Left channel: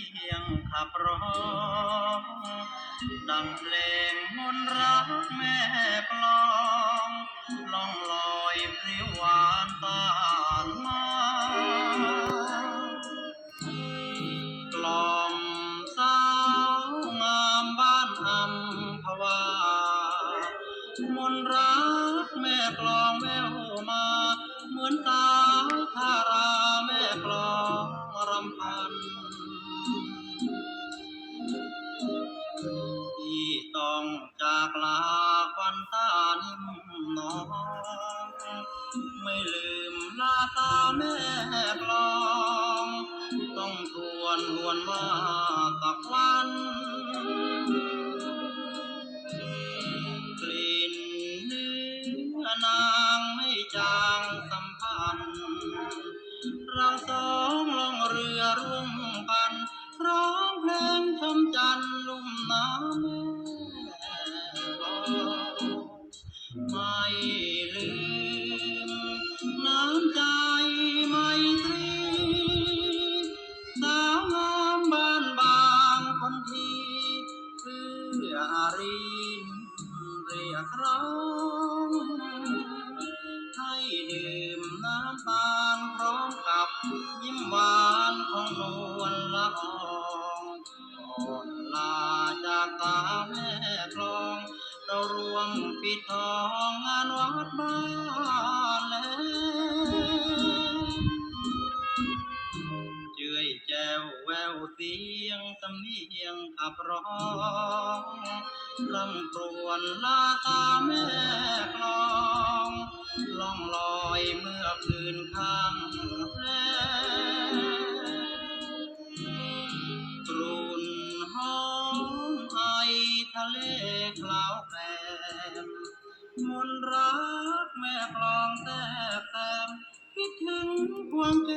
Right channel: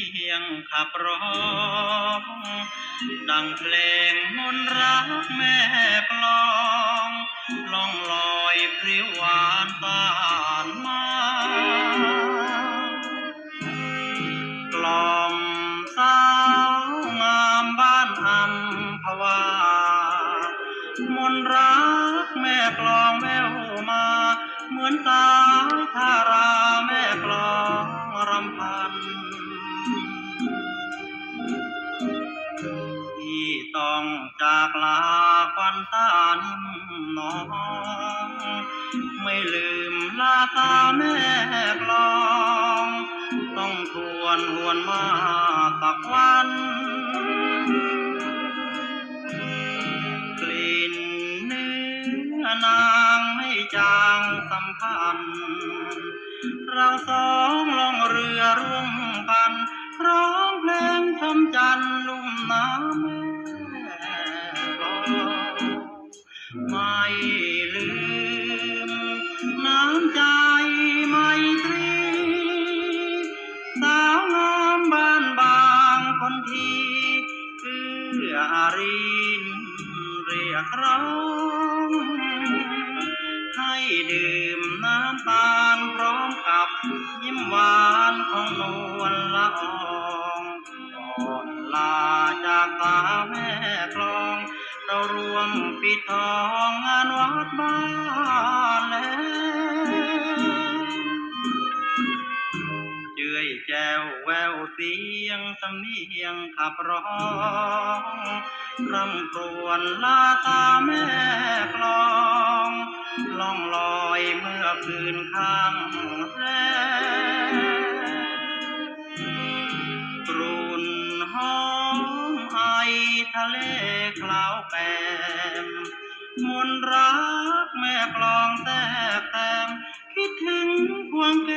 พียงขับร้องดังเพลงมนต์รักแม่กลองล่องลอยพริ้วหวานตานมากลอมสาวงามบ้านอัมพวามนต์รักแม่กลองแววมา เหมือนสาย ต้องจากลาควันตานิ่มน้อง ไม่ลืมลาตาแม่กลอง ต้องทวนหวนมาตักวันกลิ่นเนื้อนางไม่จางสัมพันธ์เราสองลองเรือร่วมกันร้องเพลงชมจันทร์ อื้ออารีนเรียกร้องให้ดื่มน้ำตาลพร้อมกับยิ้มหวานของนวลละอองก่อนลาจากตาแม่กลอง เรารวมปิดทองงานวัดบ้าน แจวแววเสียงสำเนียงขับร้องรำครวญลาตาแม่กลองล่องลอยเมื่อคืนข้างแรกรุนห้องไอทะเลคลาวแปมมนรักแม่กลองแต่แตมคิดถึงควงแก